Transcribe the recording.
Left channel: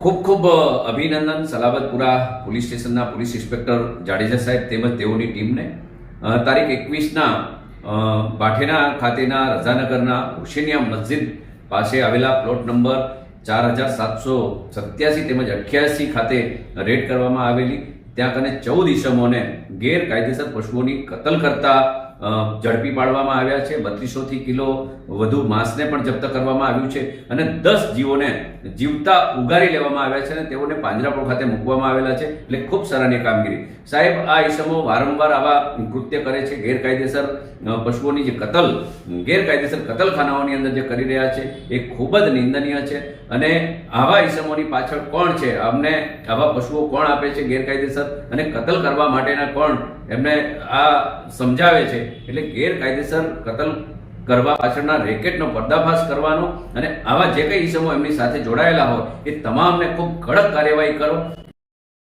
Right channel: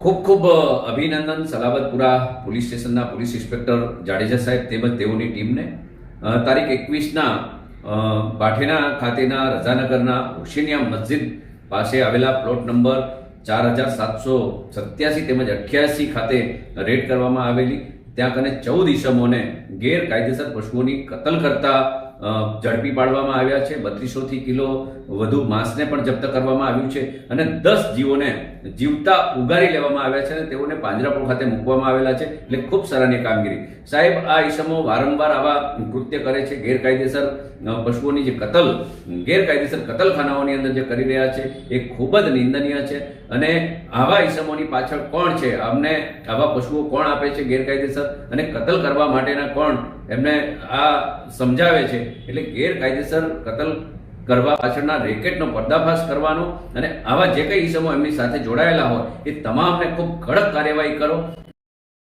ખૂબ ખૂબ અભિનંદન સલાબતપુરા પોલીસ સ્ટેશનના પોલીસ ઇન્સ્પેક્ટર જાડેજા સાહેબ તેમજ તેઓની ટીમને. તારીખ એકવીસના બાઠેના ખાતેના રજાનગરના હુસેનિયા મસ્જિદ પાસે આવેલા પ્લોટ નંબર ચાર હજાર સાતસો સત્યાસી તેમજ અઠ્યાસી ખાતે રેડ કરવામાં આવેલી. ત્યાં કને ચૌદ ઈસમોને ગેરકાયદેસર પશુઓની કતલ કરતા ઝડપી પાડવામાં આવ્યા છે. બત્રીસોથી કિલો વધુ માંસને પણ જપ્ત કરવામાં આવ્યું છે અને દસ જીવોને જીવતા ઉગારી લેવામાં આવ્યા છે અને તેઓને પાંજરાપોળ ખાતે મૂકવામાં આવેલા છે. એટલે ખૂબ સરાહનીય કામગીરી. સાહેબ, આ ઈસમો વારંવાર આવા કૃત્ય કરે છે, ગેરકાયદેસર પશુઓની જે કતલ, ગેરકાયદેસર કતલખાનાઓની અંદર જે કરી રહ્યા છે, એ ખૂબ જ નિંદનીય છે. અને આવા ઈસમોની પાછળ કોણ છે? અમને આવા પશુઓ કોણ આપે છે ગેરકાયદેસર? અને કતલ કરવા માટેના કોણ? એમને આ સમજાવે છે. એટલે ગેરકાયદેસર કતલ કરવા પાછળના રેકેટનો પર્દાફાશ કરવાનો અને આવા જે કઈ ઇસમો એમની સાથે જોડાયેલા હોય, એ તમામને ખૂબ કડક કાર્યવાહી કરો.